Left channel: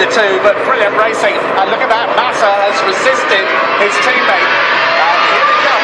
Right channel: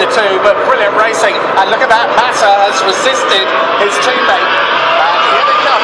the two, but brilliant racing. And look at that, Massa has resisted his teammate. And here we go.